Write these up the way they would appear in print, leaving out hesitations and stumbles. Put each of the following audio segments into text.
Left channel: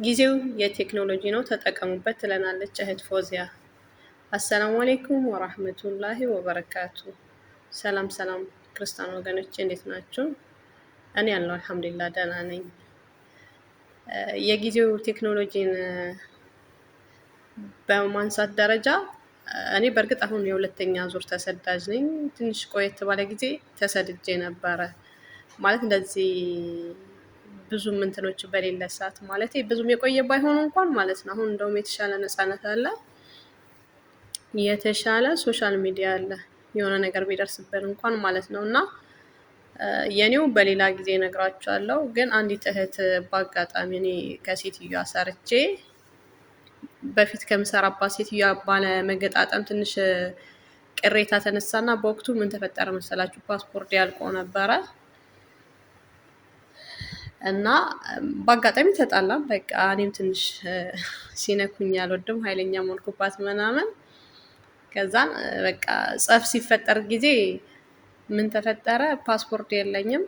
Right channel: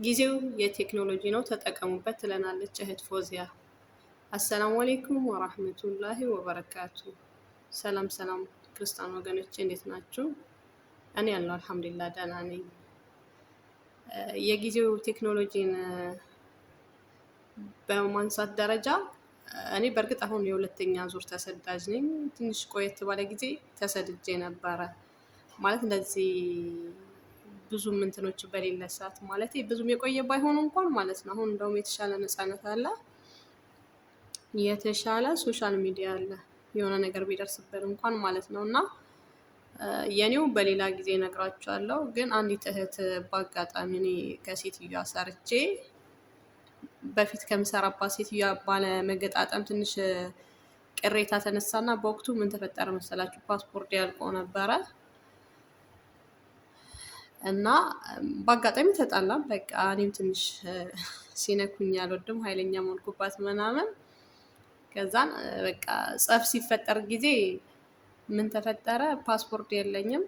ጊዜው የቴክኖሎጂ ነው ተጠቀሙበት ትለናለች እህት ፎዚያ። አሰላሙ አሌይኩም ወራህመቱላሂ ወበረካቱ። ሰላም ሰላም ክርስቲያን ወገኖች እንዴት ናችሁ? እኔ ያለው አልሐምዱሊላህ ደህና ነኝ። የጊዜው ቴክኖሎጂን በማንሳት ደረጃ እኔ በእርግጥ አሁን የሁለተኛ ዙር ተሰዳጅ ነኝ። ትንሽ ቆየት ባለ ጊዜ ተሰድጄ ነበረ። ማለት እንደዚህ ብዙም እንትኖች በሌለ ሰዓት ማለት ብዙም የቆየ ባይሆን እንኳን ማለት ነው። አሁን እንደውም የተሻለ ነፃነት አለ፣ የተሻለ ሶሻል ሚዲያ አለ፣ የሆነ ነገር ቢደርስብን እንኳን ማለት ነው። እና የኔው በሌላ ጊዜ እነግራችኋለሁ። ግን አንዲት እህት በአጋጣሚ እኔ ከሴትዮዋ ሰርቼ በፊት ከምሰራባት ሴትዮዋ ባለ መገጣጠም ትንሽ ቅሬታ ተነሳና በወቅቱ ምን ተፈጠረ መሰላችሁ? ፓስፖርት ያልቆ ነበረ እና በአጋጣሚ ተጣላም። በቃ እኔም ትንሽ ሲነኩኝ አልወድም፣ ኃይለኛ ሞልኩባት ምናምን። ከዛን በቃ ጸፍ ሲፈጠር ጊዜ ምን ተፈጠረ? ፓስፖርት የለኝም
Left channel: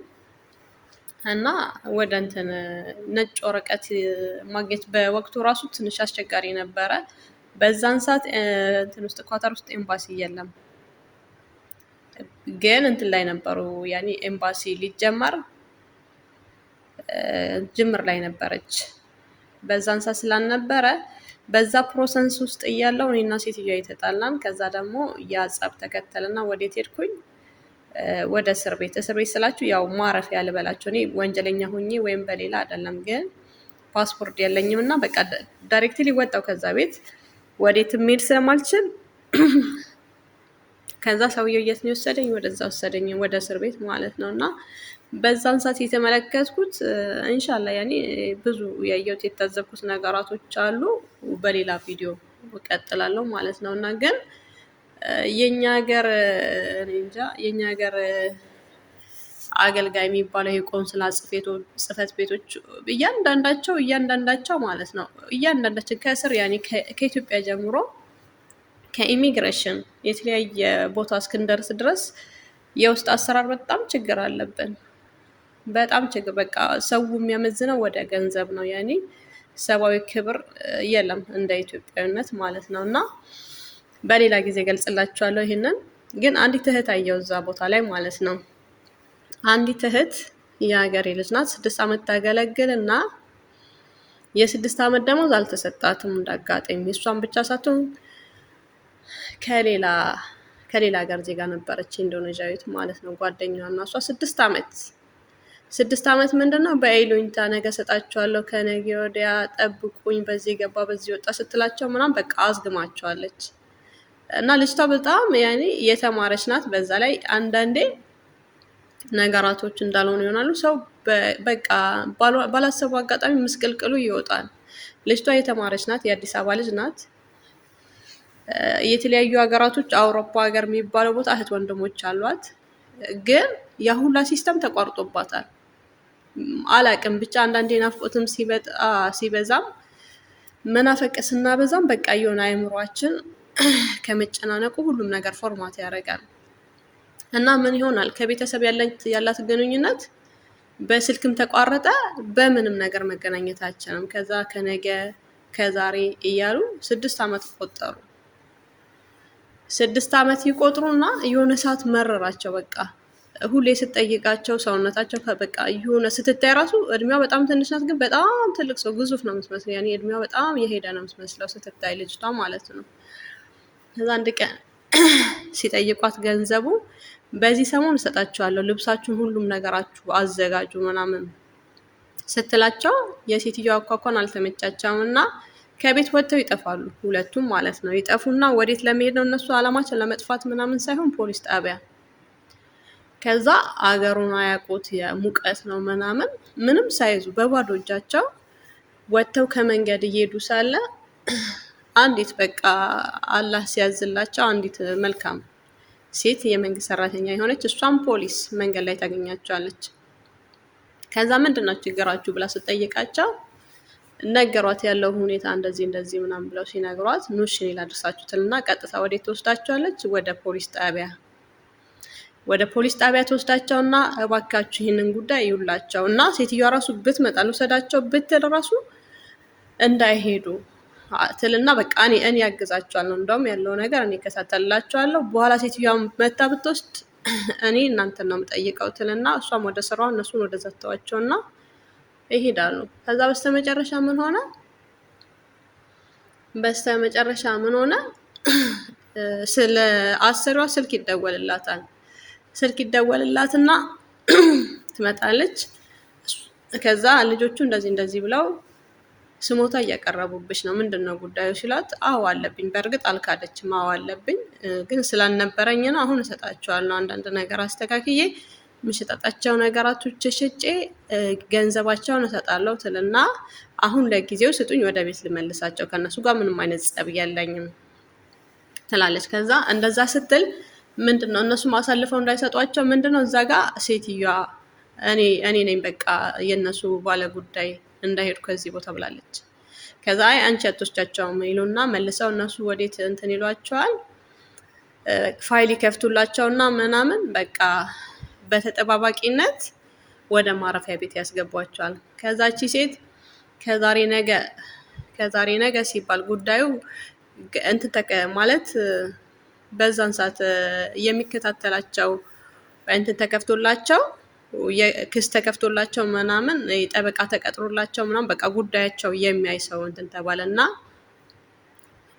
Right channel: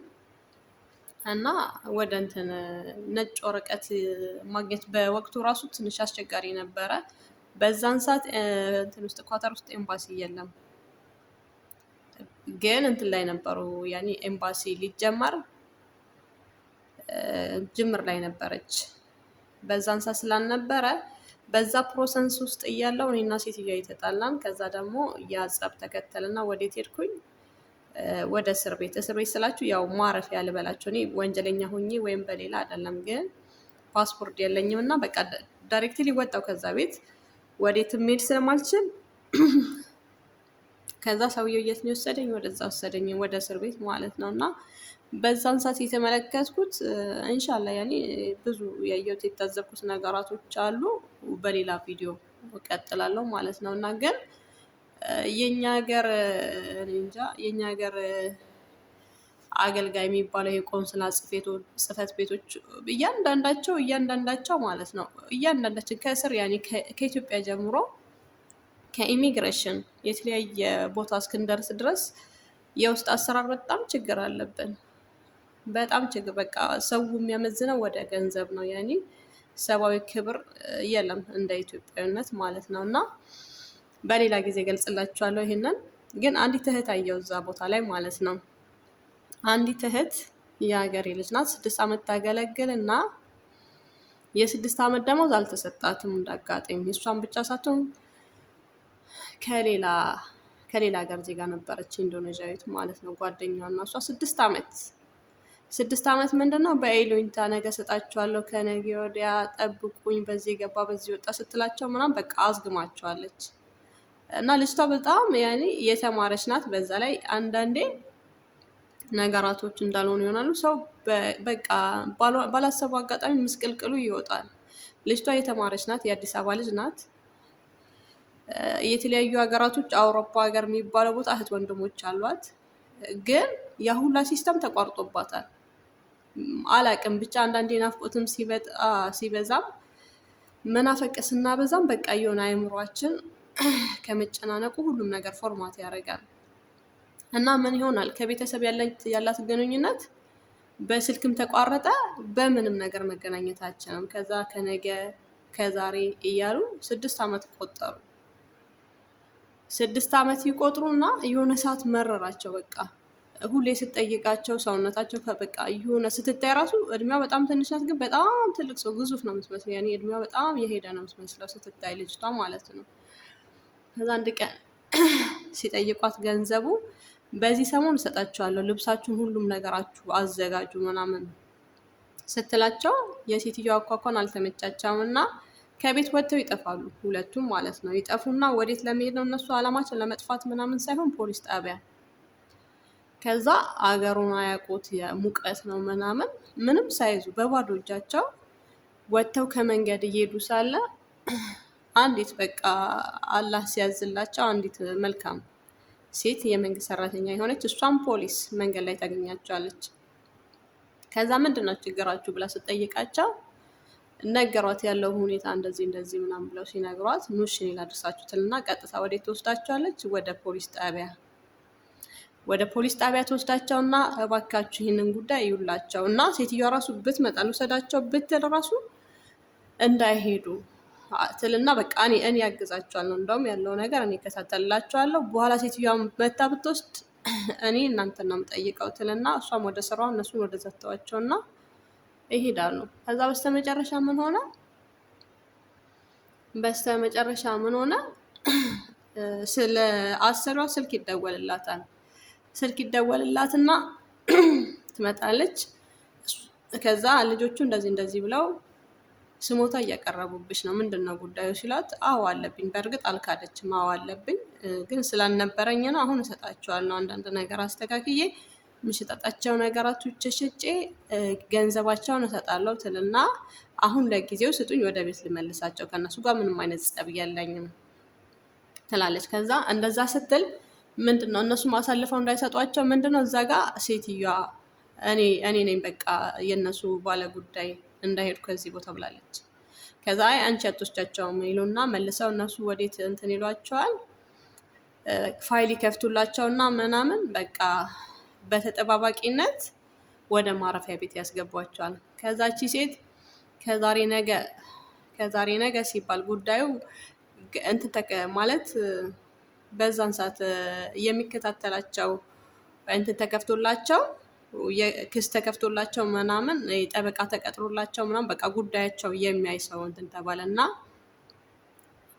እና ወደ እንትን ነጭ ወረቀት ማግኘት በወቅቱ ራሱ ትንሽ አስቸጋሪ ነበረ። በዛን ሰዓት እንትን ውስጥ ኳተር ውስጥ ኤምባሲ የለም፣ ግን እንትን ላይ ነበሩ። ያኔ ኤምባሲ ሊጀመር ጅምር ላይ ነበረች። በዛን ሰዓት ስላልነበረ በዛ ፕሮሰንስ ውስጥ እያለው እኔና ሴትዮዋ የተጣላን። ከዛ ደግሞ ያጸብ ተከተልና ወዴት ሄድኩኝ? ወደ እስር ቤት። እስር ቤት ስላችሁ ያው ማረፊያ ልበላችሁ። እኔ ወንጀለኛ ሁኜ ወይም በሌላ አይደለም፣ ግን ፓስፖርት የለኝም እና በቃ ዳይሬክትሊ ወጣው ከዛ ቤት። ወዴት መሄድ ስለማልችል ከዛ ሰውየው የት ነው የወሰደኝ? ወደዛ ወሰደኝ፣ ወደ እስር ቤት ማለት ነው። እና በዛን ሰዓት የተመለከትኩት ኢንሻአላ ያኔ ብዙ ያየሁት የታዘብኩት ነገራቶች አሉ። በሌላ ቪዲዮ እቀጥላለሁ ማለት ነው። እና ግን የኛ ሀገር እንጃ የኛ ሀገር አገልጋይ የሚባለው የቆንስላ ጽህፈት ቤቶች እያንዳንዳቸው ማለት ነው እያንዳንዳችን ከስር ያኔ ከኢትዮጵያ ጀምሮ ከኢሚግሬሽን የተለያየ ቦታ እስክንደርስ ድረስ የውስጥ አሰራር በጣም ችግር አለብን። በጣም ችግር፣ በቃ ሰው የሚያመዝነው ወደ ገንዘብ ነው። ያኔ ሰብአዊ ክብር የለም እንደ ኢትዮጵያዊነት ማለት ነው። እና በሌላ ጊዜ ገልጽላችኋለሁ ይሄንን። ግን አንዲት እህት አየው እዛ ቦታ ላይ ማለት ነው። አንዲት እህት የሀገሬ ልጅ ናት። 6 ዓመት ታገለግል እና የ6 ዓመት ደሞዝ አልተሰጣትም እንዳጋጣሚ። እሷን ብቻ ሳትሆን ከሌላ ሀገር ዜጋ ነበረች፣ ኢንዶኔዥያዊት ማለት ነው። ጓደኛዋ እና እሷ 6 ዓመት ምንድን ነው በይሉኝታ ነገ ሰጣችኋለሁ፣ ከነገ ወዲያ ጠብቁኝ፣ በዚህ ገባ በዚህ ወጣ ስትላቸው ምናምን በቃ አዝግማቸዋለች። እና ልጅቷ በጣም ያኔ የተማረች ናት። በዛ ላይ አንዳንዴ ነገራቶች እንዳልሆኑ ይሆናሉ። ሰው በቃ ባላሰቡ አጋጣሚ ምስቅልቅሉ ይወጣል። ልጅቷ የተማረች ናት፣ የአዲስ አበባ ልጅ ናት። የተለያዩ ሀገራቶች አውሮፓ ሀገር የሚባለው ቦታ እህት ወንድሞች አሏት። ግን የሁላ ሲስተም ተቋርጦባታል። አላቅም ብቻ አንዳንዴ ናፍቆትም ሲበዛም መናፈቅ ስናበዛም በቃ የሆነ አይምሯችን ከመጨናነቁ ሁሉም ነገር ፎርማት ያደርጋል። እና ምን ይሆናል ከቤተሰብ ያላት ግንኙነት በስልክም ተቋረጠ፣ በምንም ነገር መገናኘት አልቻለም። ከዛ ከነገ ከዛሬ እያሉ 6 ዓመት ቆጠሩ። 6 ዓመት ይቆጥሩና የሆነ ሰዓት መረራቸው። በቃ ሁሌ ስትጠይቃቸው ሰውነታቸው በቃ የሆነ ስትታይ ራሱ እድሜዋ በጣም ትንሽ ናት፣ ግን በጣም ትልቅ ሰው ግዙፍ ነው የምትመስለው። ያኔ እድሜዋ በጣም የሄደ ነው የምትመስለው ስትታይ ልጅቷ ማለት ነው። ከዛ አንድ ቀን ሲጠይቋት ገንዘቡ በዚህ ሰሞን እሰጣችኋለሁ፣ ልብሳችሁን ሁሉም ነገራችሁ አዘጋጁ ምናምን ስትላቸው የሴትዮዋ አኳኳን አልተመቻቸውም እና ከቤት ወጥተው ይጠፋሉ። ሁለቱም ማለት ነው። ይጠፉና ወዴት ለመሄድ ነው እነሱ አላማቸው? ለመጥፋት ምናምን ሳይሆን ፖሊስ ጣቢያ። ከዛ አገሩን አያውቁት፣ የሙቀት ነው ምናምን፣ ምንም ሳይዙ በባዶ እጃቸው ወጥተው ከመንገድ እየሄዱ ሳለ አንዲት በቃ አላህ ሲያዝላቸው አንዲት መልካም ሴት የመንግስት ሰራተኛ የሆነች እሷም ፖሊስ መንገድ ላይ ታገኛቸዋለች። ከዛ ምንድን ነው ችግራችሁ ብላ ስጠይቃቸው ነገሯት። ያለው ሁኔታ እንደዚህ እንደዚህ ምናምን ብለው ሲነግሯት ኑሽ እኔ ላድርሳችሁ ትልና ቀጥታ ወዴት ትወስዳቸዋለች? ወደ ፖሊስ ጣቢያ። ወደ ፖሊስ ጣቢያ ተወስዳቸውና እባካችሁ ይህንን ጉዳይ ይውላቸው እና ሴትዮዋ ራሱ ብትመጣ ልውሰዳቸው ብትል ራሱ እንዳይሄዱ ትልና በቃ እኔ ያግዛቸዋለሁ፣ እንደውም ያለው ነገር እኔ እከታተልላቸዋለሁ፣ በኋላ ሴትዮዋ መታ ብትወስድ እኔ እናንተን ነው የምጠይቀው ትልና እሷም ወደ ስራዋ እነሱን ወደ ዘተዋቸውና ይሄዳሉ። ከዛ በስተመጨረሻ ምን ሆነ? ስለ አሰሪዋ ስልክ ይደወልላታል። ስልክ ይደወልላትና ትመጣለች። ከዛ ልጆቹ እንደዚህ ብለው ስሞታ እያቀረቡብሽ ነው፣ ምንድን ነው ጉዳዩ ሲላት፣ አዎ አለብኝ። በእርግጥ አልካደችም፣ አዎ አለብኝ፣ ግን ስላልነበረኝ ነው። አሁን እሰጣቸዋለሁ፣ አንዳንድ ነገር አስተካክዬ የምሸጣጣቸው ነገራቶች ሽጬ ገንዘባቸውን እሰጣለሁ ትልና አሁን ለጊዜው ስጡኝ፣ ወደ ቤት ልመልሳቸው፣ ከእነሱ ጋር ምንም አይነት ጸብ የለኝም ትላለች። ከዛ እንደዛ ስትል ምንድነው እነሱ አሳልፈው እንዳይሰጧቸው ምንድነው እዛ ጋር ሴትዮዋ እኔ ነኝ በቃ የእነሱ ባለ ጉዳይ እንዳይሄዱ ከዚህ ቦታ ብላለች። ከዛ አንቺ አትወስጃቸውም ይሉና መልሰው እነሱ ወዴት እንትን ይሏቸዋል፣ ፋይል ይከፍቱላቸውና ምናምን በቃ በተጠባባቂነት ወደ ማረፊያ ቤት ያስገቧቸዋል። ከዛቺ ሴት ከዛሬ ነገ ሲባል ጉዳዩ ማለት በዛን ሰዓት የሚከታተላቸው እንትን ተከፍቶላቸው ክስ ተከፍቶላቸው ምናምን ጠበቃ ተቀጥሮላቸው ምናምን በቃ ጉዳያቸው የሚያይ ሰው እንትን ተባለ እና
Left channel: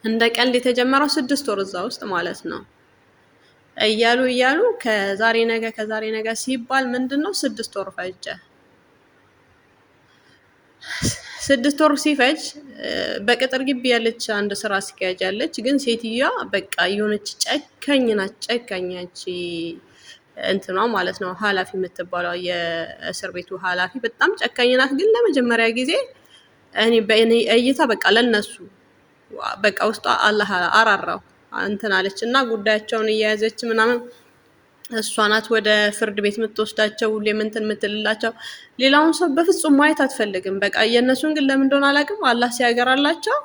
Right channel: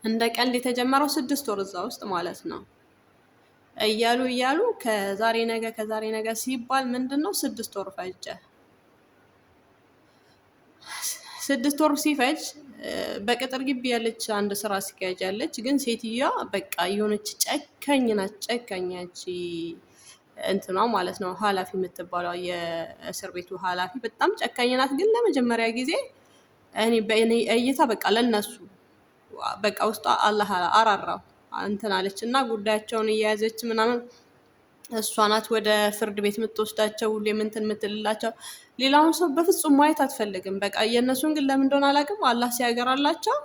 እንደ ቀልድ የተጀመረው 6 ወር እዛ ውስጥ ማለት ነው እያሉ ከዛሬ ነገ ሲባል ምንድን ነው 6 ወር ፈጀ። 6 ወር ሲፈጅ በቅጥር ግቢ ያለች አንድ ስራ አስኪያጅ ያለች፣ ግን ሴትዮዋ በቃ የሆነች ጨካኝ ናት። ጨካኛች እንትኗ ማለት ነው ኃላፊ የምትባለው የእስር ቤቱ ኃላፊ በጣም ጨካኝ ናት። ግን ለመጀመሪያ ጊዜ በእኔ እይታ በቃ ለነሱ በቃ ውስጧ አላህ አራራው እንትን አለች እና ጉዳያቸውን እየያዘች ምናምን እሷ ናት ወደ ፍርድ ቤት የምትወስዳቸው፣ ሁሌም እንትን የምትልላቸው። ሌላውን ሰው በፍጹም ማየት አትፈልግም። በቃ የእነሱን ግን ለምን እንደሆነ አላውቅም፣ አላህ ሲያገራላቸው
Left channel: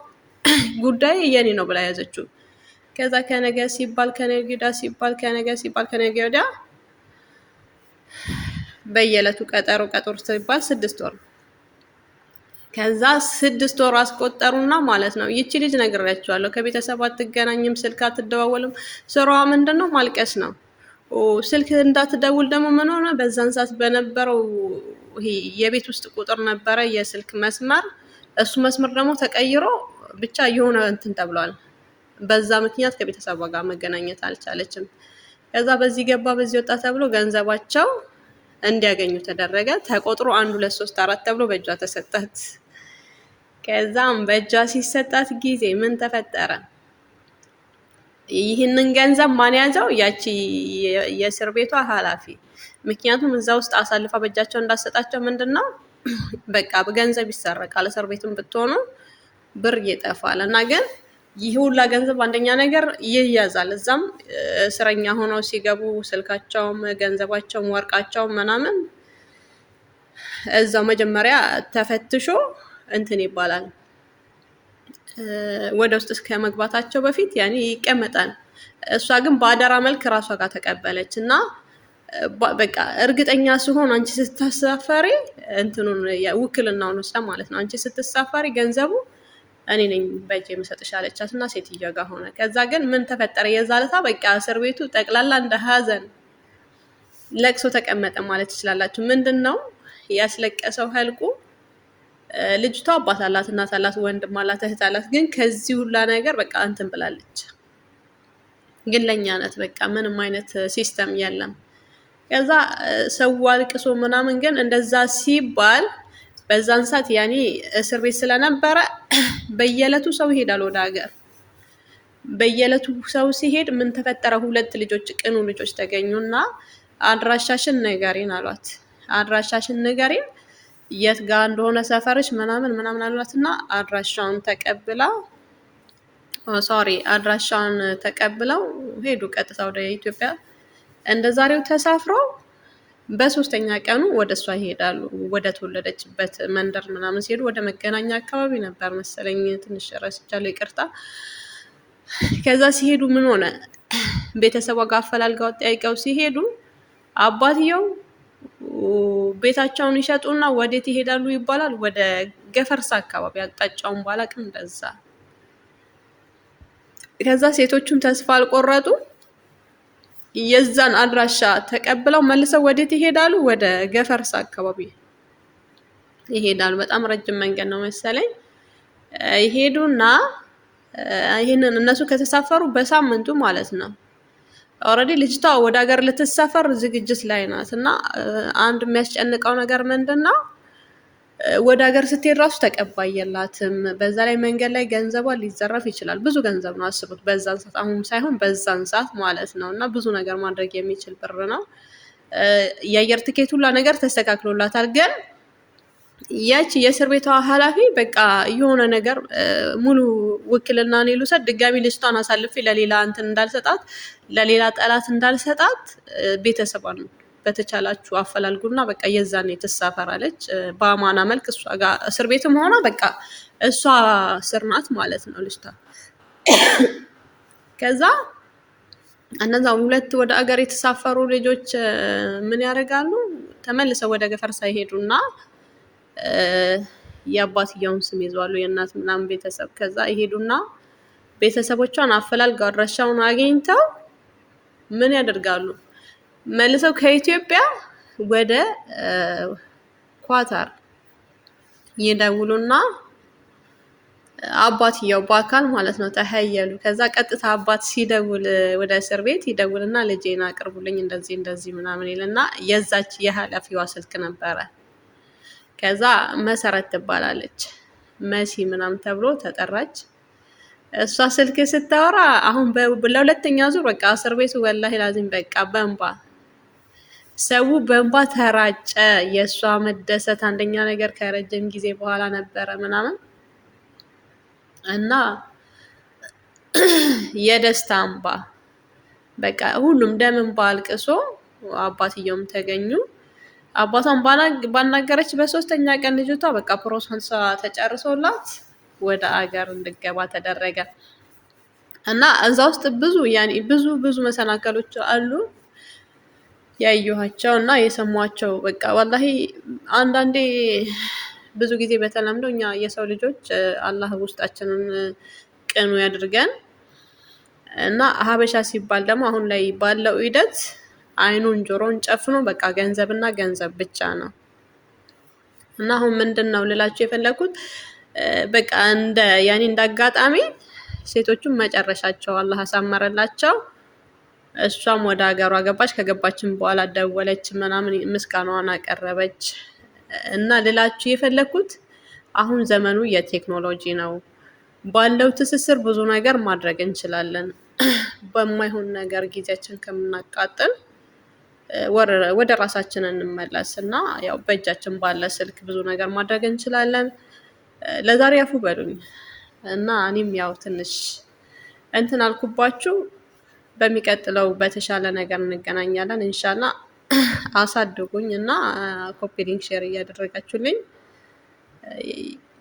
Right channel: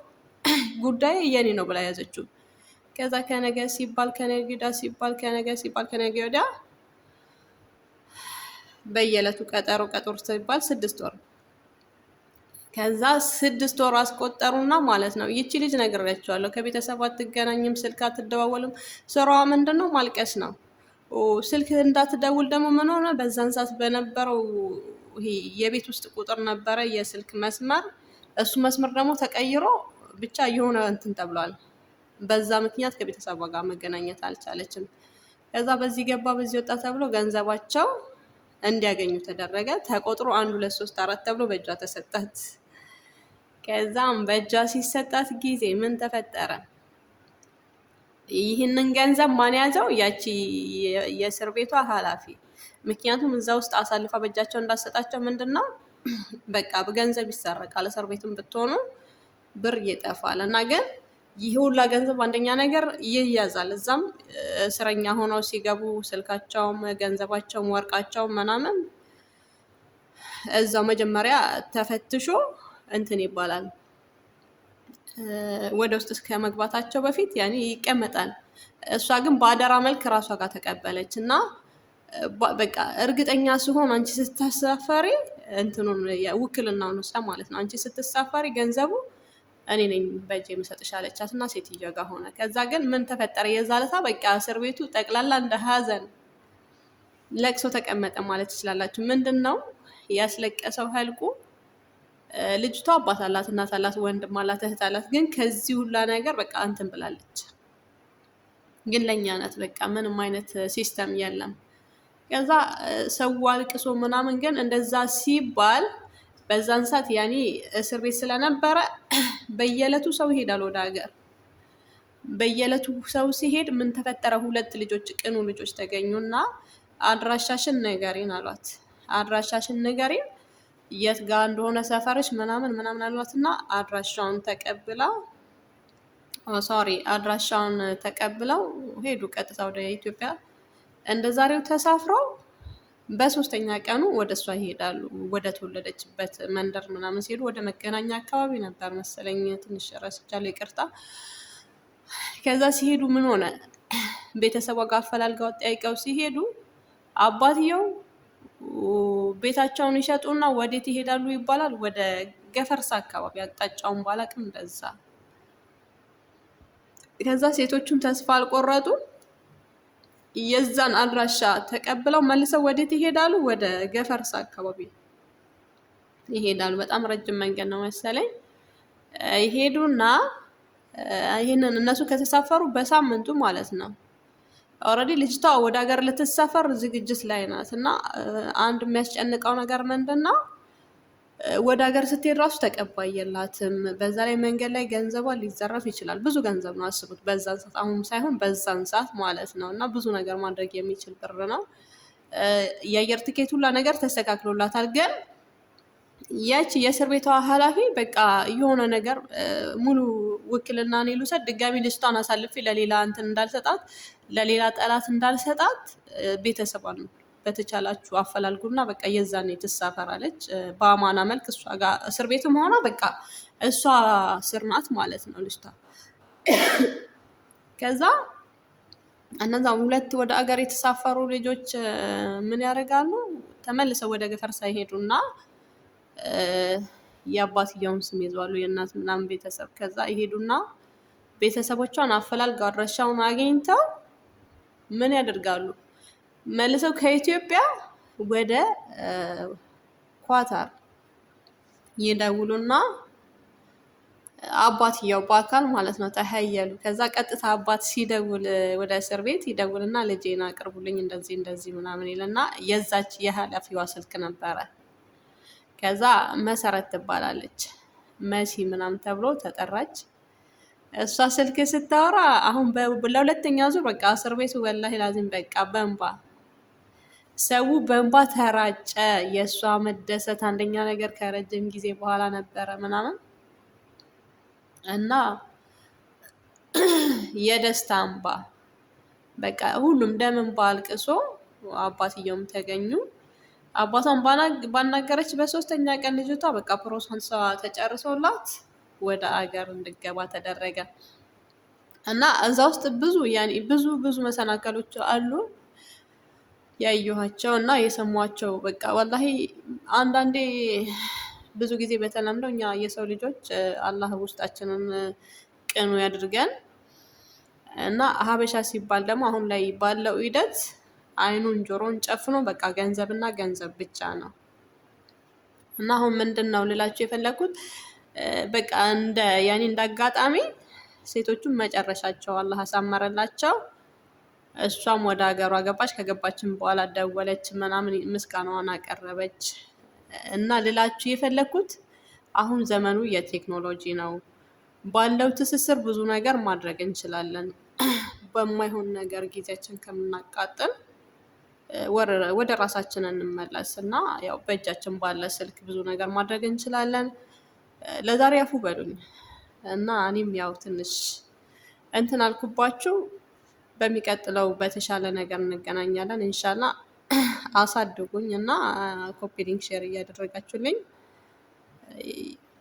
ጉዳይ የኔ ነው ብላ ያዘችው። ከዛ ከነገ ሲባል ከነገ ወዲያ በየዕለቱ ቀጠሮ ሲባል 6 ወር። ከዛ 6 ወር አስቆጠሩና ማለት ነው ይቺ ልጅ ነግሬያቸዋለሁ፣ ከቤተሰብ አትገናኝም፣ ስልክ አትደዋወልም፣ ስራዋ ምንድን ነው ማልቀስ ነው። ስልክ እንዳትደውል ደግሞ ምን ሆነ? በዛን ሰዓት በነበረው ይሄ የቤት ውስጥ ቁጥር ነበረ የስልክ መስመር፣ እሱ መስመር ደግሞ ተቀይሮ ብቻ የሆነ እንትን ተብሏል። በዛ ምክንያት ከቤተሰቧ ጋር መገናኘት አልቻለችም። ከዛ በዚህ ገባ በዚህ ወጣ ተብሎ ገንዘባቸው እንዲያገኙ ተደረገ። ተቆጥሮ 1 2 3 4 ተብሎ በእጇ ተሰጣት። ከዛም በእጇ ሲሰጣት ጊዜ ምን ተፈጠረ? ይህንን ገንዘብ ማን ያዘው? ያቺ የእስር ቤቷ ኃላፊ። ምክንያቱም እዛ ውስጥ አሳልፋ በእጃቸው እንዳሰጣቸው ምንድን ነው በቃ በገንዘብ ይሰረቃል። እስር ቤትም ብትሆኑ ብር ይጠፋል እና ግን ይህ ሁላ ገንዘብ አንደኛ ነገር ይያዛል። እዛም እስረኛ ሆነው ሲገቡ ስልካቸውም ገንዘባቸውም ወርቃቸውም ምናምን እዛው መጀመሪያ ተፈትሾ እንትን ይባላል። ወደ ውስጥ እስከ መግባታቸው በፊት ያኔ ይቀመጣል። እሷ ግን በአደራ መልክ ራሷ ጋር ተቀበለች እና በቃ እርግጠኛ ሲሆን አንቺ ስትሳፈሪ እንትኑን ውክልናውን ወስዳ ማለት ነው አንቺ ስትሳፈሪ ገንዘቡ እኔ ነኝ በእጄ የምሰጥሽ አለቻት እና ሴትዮዋ ጋር ሆነ። ከዛ ግን ምን ተፈጠረ? የዛለታ በቃ እስር ቤቱ ጠቅላላ እንደ ሀዘን ለቅሶ ተቀመጠ ማለት ትችላላችሁ። ምንድን ነው ያስለቀሰው ህልቁ? ልጅቷ አባት አላት፣ እናት አላት፣ ወንድም አላት፣ እህት አላት። ግን ከዚህ ሁላ ነገር በቃ እንትን ብላለች። ግን ለእኛ ናት በቃ ምንም አይነት ሲስተም የለም። ከዛ ሰው አልቅሶ ምናምን ግን እንደዛ ሲባል በዛን ሰዓት ያኔ እስር ቤት ስለነበረ በየዕለቱ ሰው ይሄዳል ወደ ሀገር። በየዕለቱ ሰው ሲሄድ ምን ተፈጠረ? 2 ልጆች ቅኑ ልጆች ተገኙና አድራሻሽን ንገሪን አሏት። አድራሻሽን ንገሪን የት ጋር እንደሆነ ሰፈርሽ ምናምን አሏት እና አድራሻውን ተቀብለው ሄዱ ቀጥታ ወደ ኢትዮጵያ። እንደ ዛሬው ተሳፍረው በ3ኛ ቀኑ ወደ እሷ ይሄዳሉ። ወደ ተወለደችበት መንደር ምናምን ሲሄዱ ወደ መገናኛ አካባቢ ነበር መሰለኝ፣ ትንሽ ረስቻለሁ፣ ይቅርታ። ከዛ ሲሄዱ ምን ሆነ? ቤተሰቧ ጋር አፈላልገው ጠይቀው ሲሄዱ አባትየው ቤታቸውን ይሸጡና ወዴት ይሄዳሉ ይባላል? ወደ ገፈርሳ አካባቢ፣ አቅጣጫውን ባላቅም እንደዛ። ከዛ ሴቶቹም ተስፋ አልቆረጡ የዛን አድራሻ ተቀብለው መልሰው ወዴት ይሄዳሉ? ወደ ገፈርሳ አካባቢ ይሄዳሉ። በጣም ረጅም መንገድ ነው መሰለኝ። ይሄዱና ይህንን እነሱ ከተሳፈሩ በሳምንቱ ማለት ነው። ኦልሬዲ ልጅቷ ወደ ሀገር ልትሳፈር ዝግጅት ላይ ናት። እና አንድ የሚያስጨንቀው ነገር ምንድን ነው? ወደ ሀገር ስትሄድ ራሱ ተቀባይ የላትም። በዛ ላይ መንገድ ላይ ገንዘቧ ሊዘረፍ ይችላል። ብዙ ገንዘብ ነው አስቡት፣ በዛን ሰዓት፣ አሁን ሳይሆን በዛን ሰዓት ማለት ነው። እና ብዙ ነገር ማድረግ የሚችል ብር ነው። የአየር ትኬት ሁላ ነገር ተስተካክሎላታል። ግን ያቺ የእስር ቤቷ ኃላፊ በቃ የሆነ ነገር ሙሉ ውክልና እኔ ልውሰድ፣ ድጋሚ ልጅቷን አሳልፌ ለሌላ እንትን እንዳልሰጣት፣ ለሌላ ጠላት እንዳልሰጣት ቤተሰቧን በተቻላችሁ አፈላልጉና በቃ የዛኔ ትሳፈራለች በአማና መልክ። እሷ ጋር እስር ቤትም ሆና በቃ እሷ እስር ናት ማለት ነው ልጅቷ። ከዛ እነዛ ሁለት ወደ አገር የተሳፈሩ ልጆች ምን ያደርጋሉ? ተመልሰው ወደ ገፈርሳ ይሄዱና የአባትየውን ስም ይዘዋሉ፣ የእናት ምናምን ቤተሰብ። ከዛ ይሄዱና ቤተሰቦቿን አፈላልገው አድራሻውን አግኝተው ምን ያደርጋሉ? መልሰው ከኢትዮጵያ ወደ ኳታር ይደውሉና አባትየው በአካል ማለት ነው ተሀየሉ። ከዛ ቀጥታ አባት ሲደውል ወደ እስር ቤት ይደውልና ልጄን አቅርቡልኝ እንደዚህ እንደዚህ ምናምን ይልና የዛች የኃላፊዋ ስልክ ነበረ። ከዛ መሰረት ትባላለች፣ መሲ ምናምን ተብሎ ተጠራች። እሷ ስልክ ስታወራ አሁን ለሁለተኛ ዙር በቃ እስር ቤቱ ወላሂ ላዚም በቃ በእንባ ሰው በእንባ ተራጨ። የእሷ መደሰት አንደኛ ነገር ከረጅም ጊዜ በኋላ ነበረ ምናምን እና የደስታ እንባ በቃ ሁሉም ደም እንባ አልቅሶ አባትየውም ተገኙ። አባቷን ባናገረች በሶስተኛ ቀን ልጅቷ በቃ ፕሮሰሷ ተጨርሶላት ወደ አገር እንድገባ ተደረገ። እና እዛ ውስጥ ብዙ መሰናከሎች አሉ ያየኋቸው እና የሰሟቸው። በቃ ወላሂ አንዳንዴ ብዙ ጊዜ በተለምዶ እኛ የሰው ልጆች አላህ ውስጣችንን ቅኑ ያድርገን እና ሀበሻ ሲባል ደግሞ አሁን ላይ ባለው ሂደት አይኑን ጆሮን ጨፍኖ በቃ ገንዘብና ገንዘብ ብቻ ነው። እና አሁን ምንድን ነው ልላችሁ የፈለኩት በቃ እንደ አጋጣሚ ሴቶቹም መጨረሻቸው አላህ አሳመረላቸው። እሷም ወደ ሀገሯ ገባች። ከገባችን በኋላ ደወለች ምናምን ምስጋናዋን አቀረበች። እና ልላችሁ የፈለኩት አሁን ዘመኑ የቴክኖሎጂ ነው። ባለው ትስስር ብዙ ነገር ማድረግ እንችላለን። በማይሆን ነገር ጊዜያችን ከምናቃጥል ወደ ራሳችን እንመለስ እና ያው በእጃችን ባለ ስልክ ብዙ ነገር ማድረግ እንችላለን። ለዛሬ አፉ በሉኝ እና እኔም ያው ትንሽ እንትን አልኩባችሁ። በሚቀጥለው በተሻለ ነገር እንገናኛለን ኢንሻላ። አሳድጉኝ እና ኮፒ ሊንክ ሼር እያደረጋችሁልኝ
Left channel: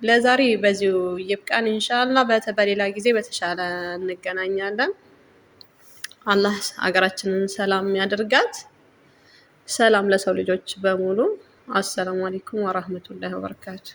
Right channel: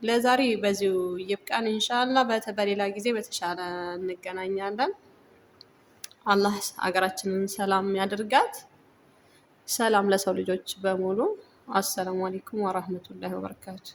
ለዛሬ በዚሁ ይብቃን ኢንሻላ። በሌላ ጊዜ በተሻለ እንገናኛለን። አላህ ሀገራችንን ሰላም ያደርጋት። ሰላም ለሰው ልጆች በሙሉ። አሰላሙ አለይኩም ወራህመቱላሂ ወበረካቱ።